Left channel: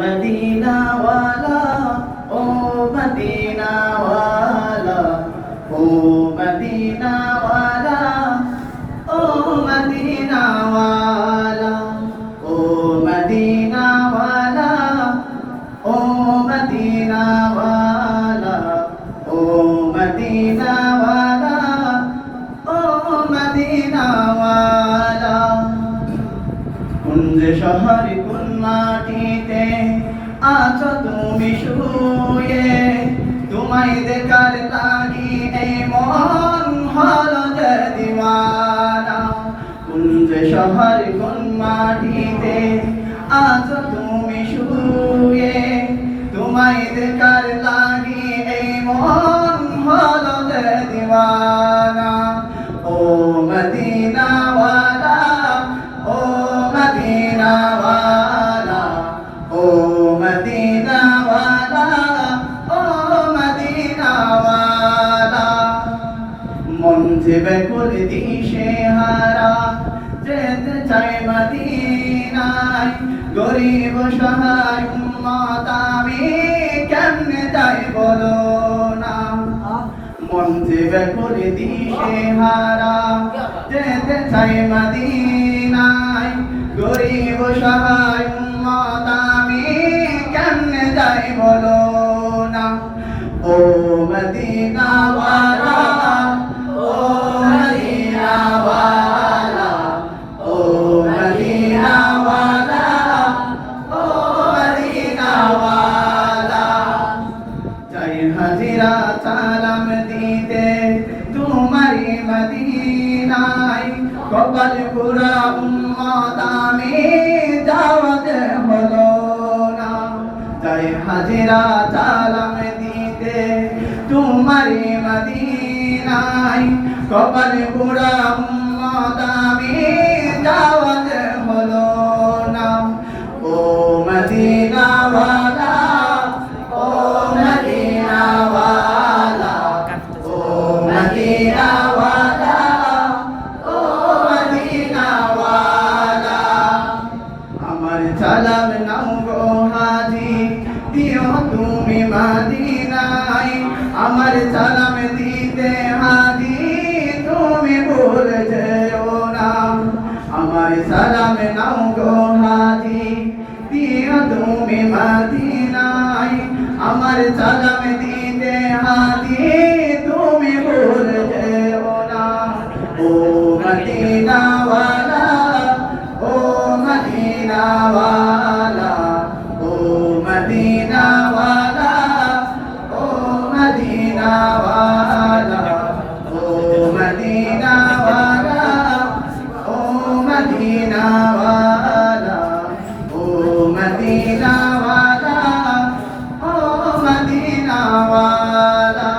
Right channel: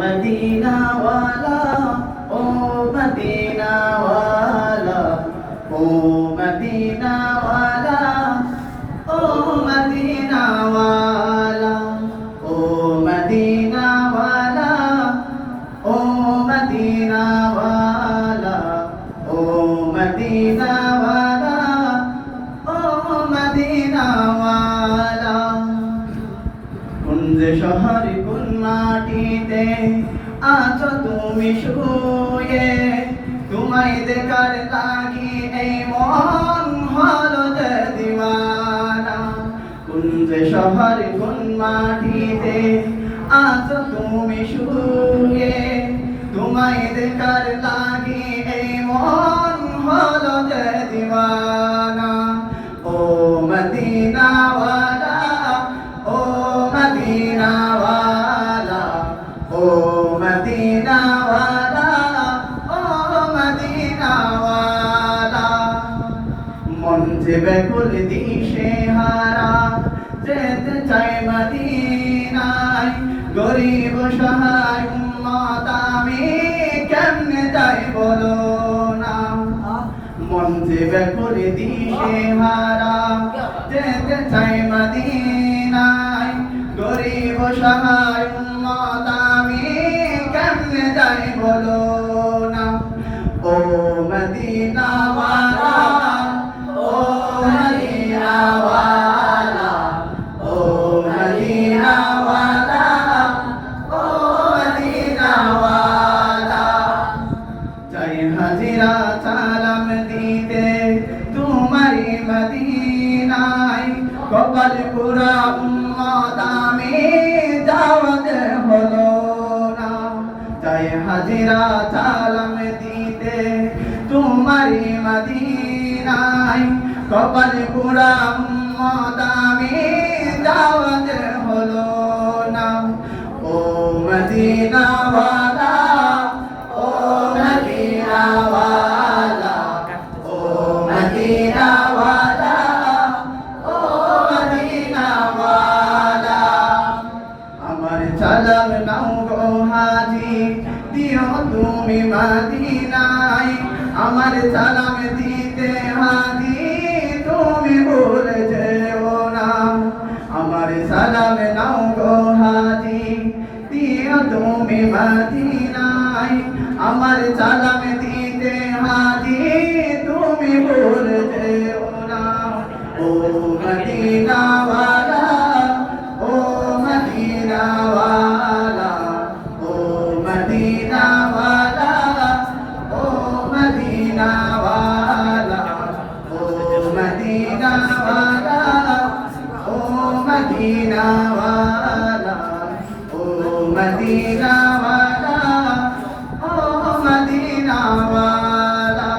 Medina वाला ओ Medina वाला ओ Medina वाला ओ मदीना वाला ओ मदीना वाला ओ मदीना वाला ओ मदीना वाला ओ मदीना वाला कुंज शहर कुन माटीते আছো তুমি শুয়ে তোমায় দেখার লাগি এই মন হলো যে দিওয়ানা কুঞ্জ শহর কোন মাটিতে আছো তুমি শুয়ে তোমায় দেখার লাগি এই মন হলো যে দিওয়ানা ও মদিনা ওয়ালা ও মদিনা ওয়ালা ও मदीना वाला ओ मदीना वाला मन से बेकुल दिशे हारा যেতে চাই মদিনায় গরিব সহায় উম্মত আমি কেমনে যাই বলো না মন से बेकुल दिशे हारा যেতে চাই মদিনায় গরিব সহায় উম্মত আমি কেমনে যাই বলো না ও মদিনা ওয়ালা ও মদিনা ওয়ালা ও মদিনা ওয়ালা ও মদিনা ওয়ালা চাই হাজিরা সালাম দিতে তোমারি মদিনায় কপাল পুরা উম্মত আমি দাওয়াত হলো তাই হাজিরা সালাম দিতে তোমারি মদিনায় কপাল পুরা উম্মত আমি দাওয়াত হলো না ও মদিনা ওয়ালা ও মদিনা ওয়ালা ও মদিনা ওয়ালা ও মদিনা ওয়ালা আমার সালাম নাও গো হাজি দিও তুমি মদিনায় আমার সালাম দিতে হাজি তুমি ভুলে যেও না আমার সালাম নাও গো হাজি দিও তুমি মদিনায় আমার সালাম দিতে হাজি তুমি ভুলে যেও না ও মদিনা ওয়ালা ও মদিনা ওয়ালা ও মদিনা ওয়ালা ও মদিনা ওয়ালা ও মদিনা ওয়ালা ও মদিনা ওয়ালা ও মদিনা